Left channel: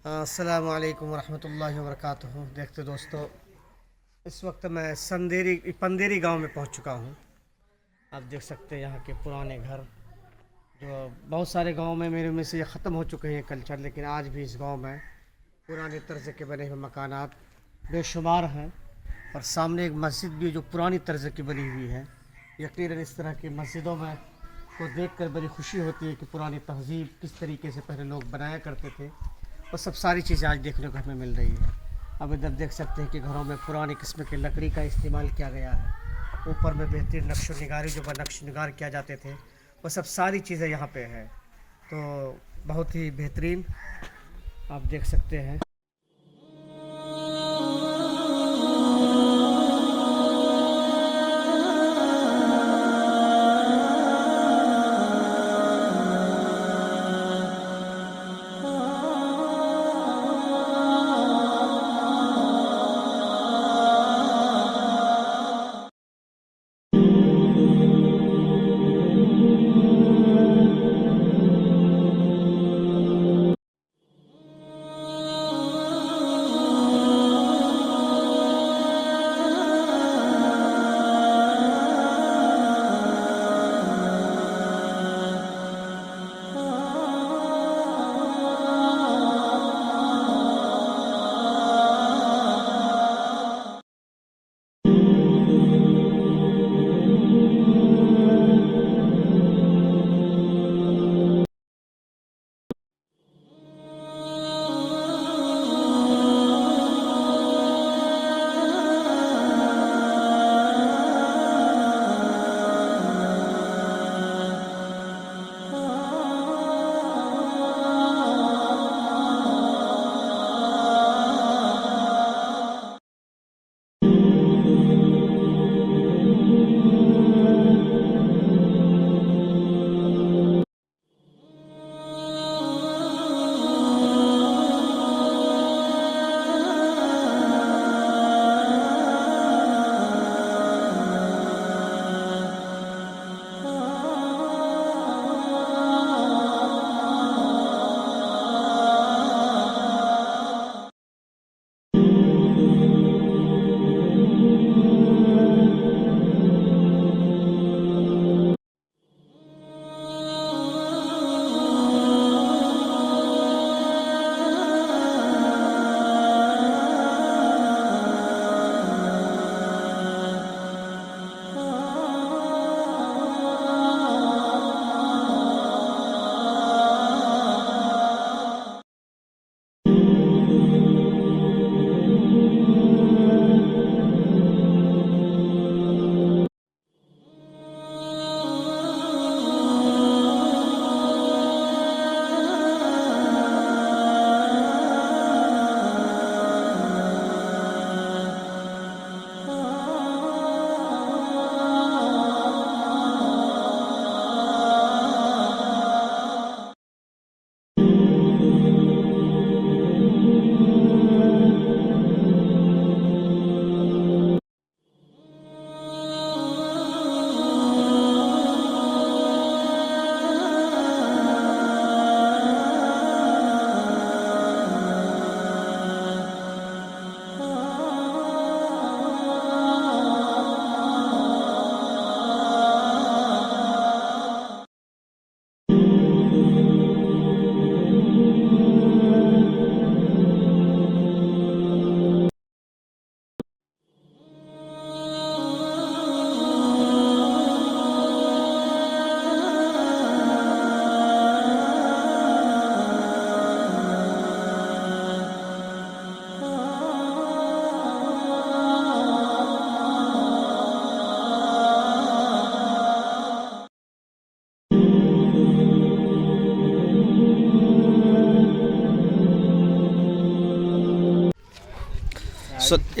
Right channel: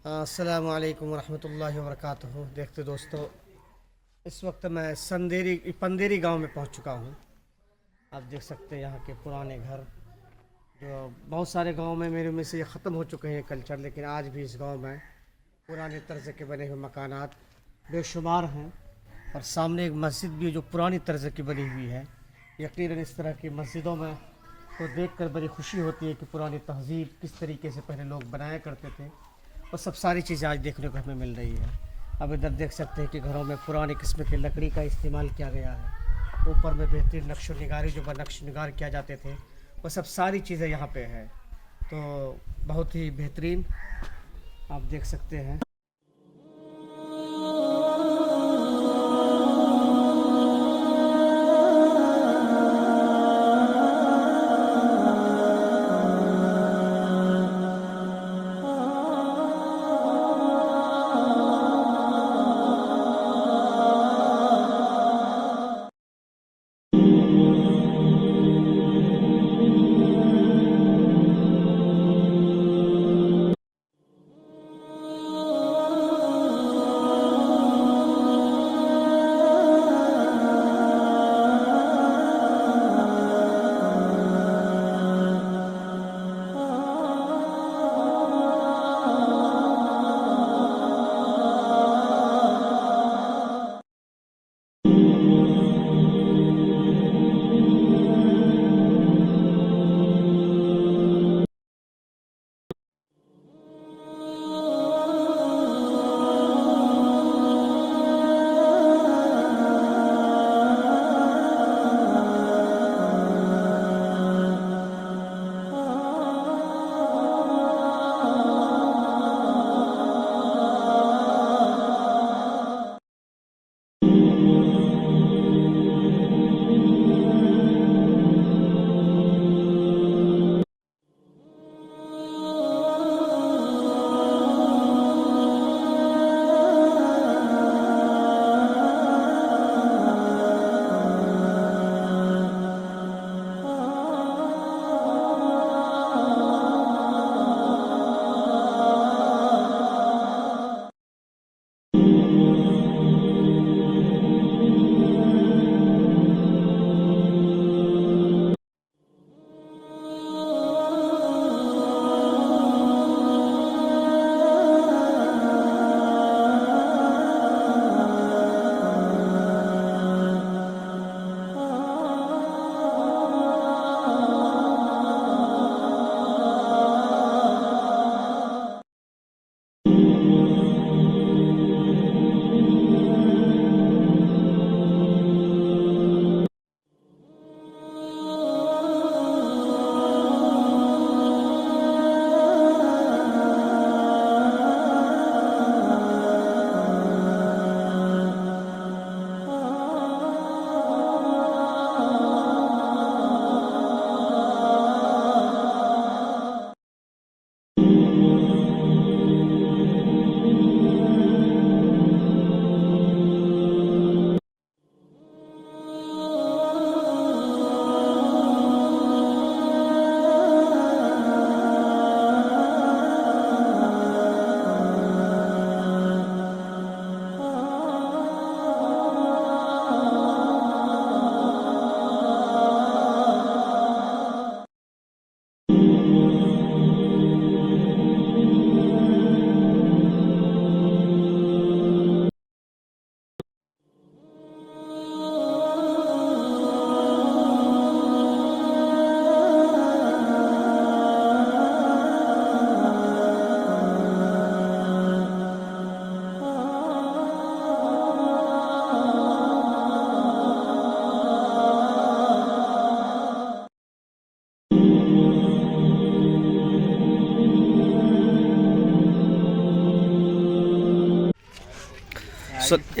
अस्सलामु अलैकुम वरहमतुल्लाहि वबरकातुहू। देखते दोस्तों, इस वक्त मैं पंदेरी गांव में पहुंच चुका हूं। आप देख सकते हैं यहाँ के पुराने घर, जो बहुत सारे गांव में मेरे में से ये ख़त्म हो चुके हैं कल्चर, लेकिन आज भी इस गांव में पुराने तर्ज के बने हुए मकानात बेशुमार हैं। और सामने एक मस्जिद भी है जो पुरानी तर्ज की बनी हुई है। यकीनन इस तरह की मस्जिदों में को देखकर बड़ी खुशी होती है कि पुरानी तहज़ीब किस तरीके से पहले लोग बनाया करते थे। और सब सारी चीज़ें आज देखने को हमें मिल रही है। अब इधर देख सकते हैं कि घरों में पुराने किस्म की लकड़ी का इस्तेमाल किया गया है। ऊपर में बेहतरीन नक्श निगारी जो नक्श निगार किया जाते थे, वो सब सारी चीज़ें यहाँ पे है। तो बहुत ही बेहतरीन आप देख सकते हैं।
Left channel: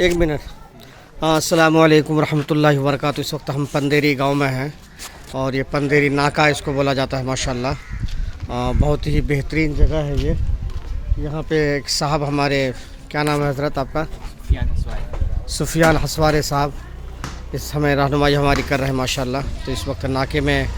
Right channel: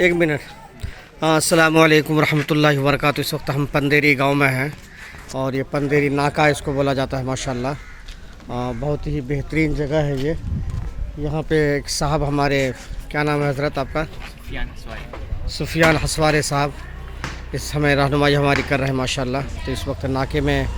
एक मिनट। हाँ, अस्सलामु अलैकुम रहमतुल्लाहि व बरकातुहू। इस वक्त हम पंदेरी गांव में हैं और ये पंदेरी नाका इसको बोला जाता है। माशाल्लाह बहुत ही बेहतरीन जगह है ये। यहाँ पे एक साहब हमारे, क्या नाम है हज़रत आपका? सुफियान हसवारे साहब इस समय रहनुमाई हमारी कर रहे हैं माशाल्लाह। तो इस वक्त नाके में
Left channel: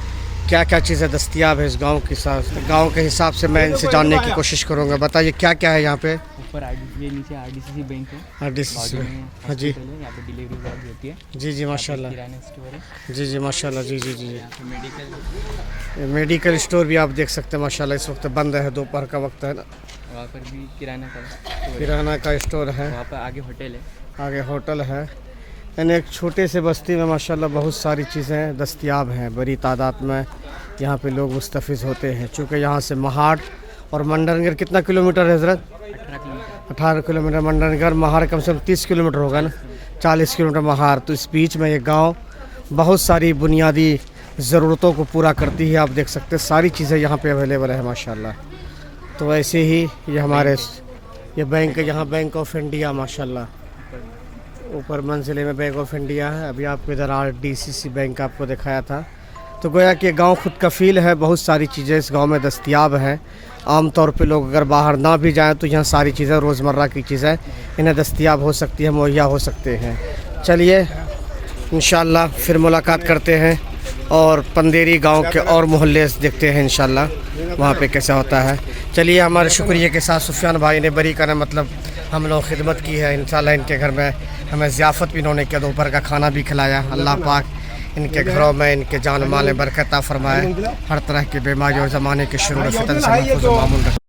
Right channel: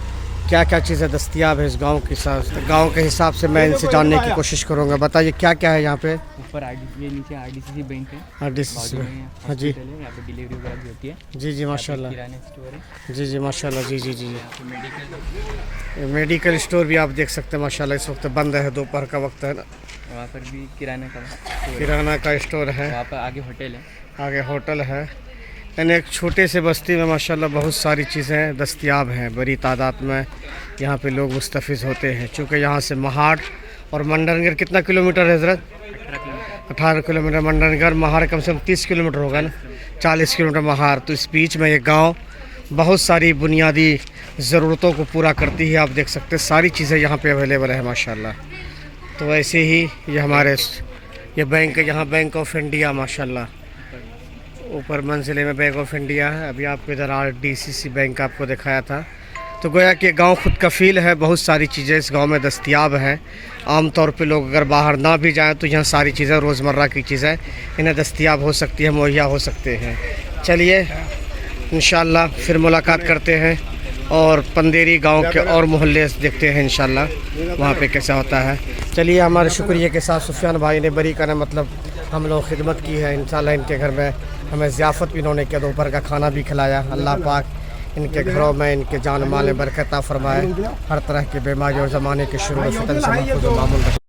क्या क्या चीज़ें दस्तियाब है इस गांव के साथ, गांव के हिसाब से मैं इनसे जानने की कोशिश करूंगा। बताइए क्या क्या है यहाँ पे। ऊपर नीचे आरडीसीसी बैंक है, RDCC बाजू में। में हाँ जी, हॉस्पिटल है, यहाँ पे डिलीवरी वगैरह भी होती है। जी जी माशाल्लाह। किराना स्टोर है, जी जी माशाल्लाह। जी जी जी यहाँ पे मेडिकल, मेडिकल स्टोर भी आप देख सकते हैं माशाल्लाह, इस वक्त बंद है, दोपहर का वक्त है ना। वहाँ पर भी किराना का स्टोर है। किराना का स्टोर है, वहाँ पर आगे होटल है। आगे होटल है। यानी एक छोटे से बस्ती में माशाल्लाह बहुत सारी चीज़ें दस्तयाब हैं, बड़ी तादाद में यहाँ पे लोग मुस्तफ़िज़ होते हैं। चूँकि यहाँ से महाड़ और मंडनगर कितना किलोमीटर है हज़रत? 18 किलोमीटर मंडनगर, महाड़ कम से कम 30 किलोमीटर होगा ना, 40 किलोमीटर महाड़। तो इस बीच में ये गांव बहुत सारी बुनियादी ज़रूरतों को पूरा करती है। आप देख सकते हैं सारी चीज़ें यहाँ पे अवेलेबल है माशाल्लाह। तो वैसे ही ये हमारे ये बैंक है, यहाँ बैंक ऑफ इंडिया माशाल्लाह, ऊपर मंजिले में बैंक ऑफ इंडिया है। अभी आपको इधर RDCC बैंक आपको दिखाया था। तो गोया कि गांव खुद कफ़ील है, बहुत सारी चीज़ें इस गांव में दस्तयाब हैं। आम तौर पे लोग अगर बाहर ना भी जाएं तो यहाँ सारी चीज़ें, रोज़मर्रा की चीज़ें इन्हें दस्तयाब हो सकती है, मुहैया हो सकते हैं। चलिए इंशाल्लाह फिर मुलाकात करते हैं और पंदेरी गांव के और मोहल्ले देखते हैं इंशाल्लाह वहाँ पे कैसा होता है। चलिए, हमारे शुक्रिया के साथ सुफियान भाई ने बरी का मतलब हम लोग खिदमत की है। इंशाल्लाह इनके घर में हमें ज़ियाफ़त भी इन्होंने किया, दोपहर का खाना भी खिलाया। अल्लाह पाक इनके घरों में, इनके जान माल में बरकत फरमाए, हर तरह की बीमारी और ज़माने के शुरू फितन से महफूज़ व मामून रखे।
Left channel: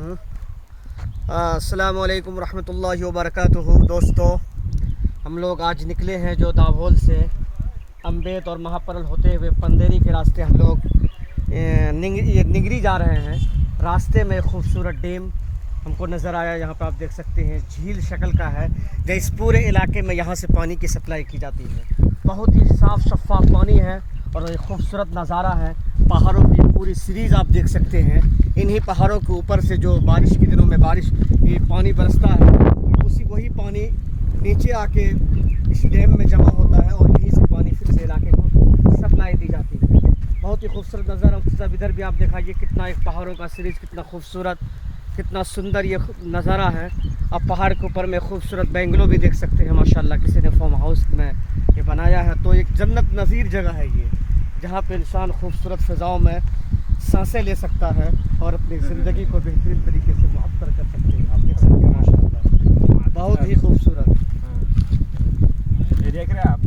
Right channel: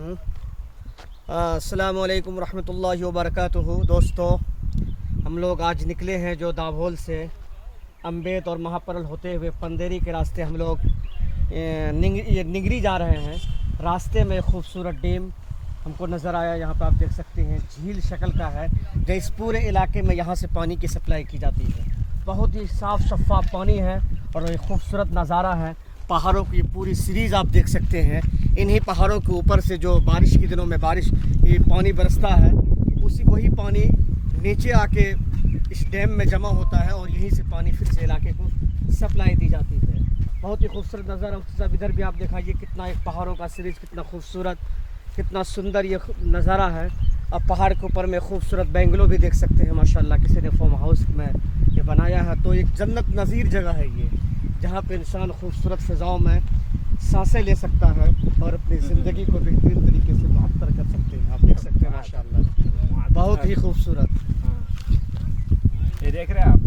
अस्सलामु अलैकुम रहमतुल्लाहि व बरकातुहू। दोस्तों, हम लोग आज निकले हैं जो दाभोल से अम्बेत और महापरल होते हुए पंदेरी के रास्ते हम लोग निगरी जा रहे हैं। रास्ते में खूबसूरत डैम हमको नज़र आया। यहाँ पर आप देख सकते हैं झील शक्ल का है, जो इस पूरे इलाके में यहाँ से पानी की सप्लाई की जाती है। बहुत ही साफ़ शफाफ पानी है और ये खूबसूरत नज़ारा है। पहाड़ों की पूरी सीरीज़ आप देख सकते हैं। इन्हीं पहाड़ों के ऊपर से जो बारिश के दिनों में ये पानी बरसता है, वही पानी नीचे आके इस डैम में जमा होता है और यहीं से पानी फिर से इलाके को सप्लाई दी जाती है। बहुत ही खूबसूरत नज़ारा। सब इधर भी आप दिखाइए कितना एक पहाड़ों का सीरीज़, कितना खूबसूरत, कितना सुंदर ये नज़ारा है। अब पहाड़ के ऊपर में खूबसूरत बेंगलो भी देख सकते हैं माशाल्लाह, किसी ने फार्म हाउस में ये बनाया है। तो एक जन्नत नज़ीर जगह है ये, जहाँ पे इंसान खूबसूरत फ़िज़ाओं में सांसें ले सकता है और अपनी ज़िंदगी को बेहतरीन तरीके से मुअत्तर कर सकते हैं। आप देख सकते हैं माशाल्लाह, बहुत ही खूबसूरत। ये देख रहे हैं आप,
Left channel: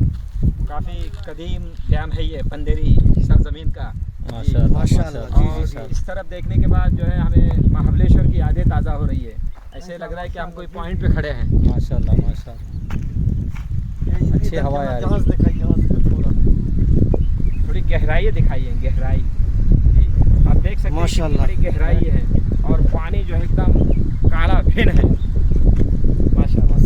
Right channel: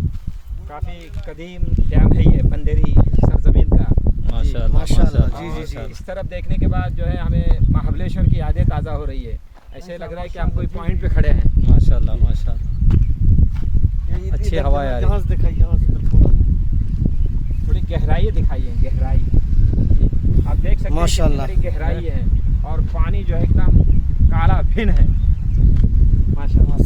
काफ़ी कदीम डैम है ये पंदेरी सरजमीन का। माशाल्लाह माशाल्लाह। जी। इस तरफ देखने के बाद जो है हमें महाबलेश्वर की यादें ताज़ा हो रही है। ऐसे लग रहा है कि हम कोई पॉइंट पे खड़े हैं। माशाल्लाह माशाल्लाह। अच्छी हवा आ रही है। थोड़ी गहराई दिखाई है, गहराई जी। आप देख सकते हैं कितनी बड़ी गहराई है और पानी जो है एकदम काला फिन है।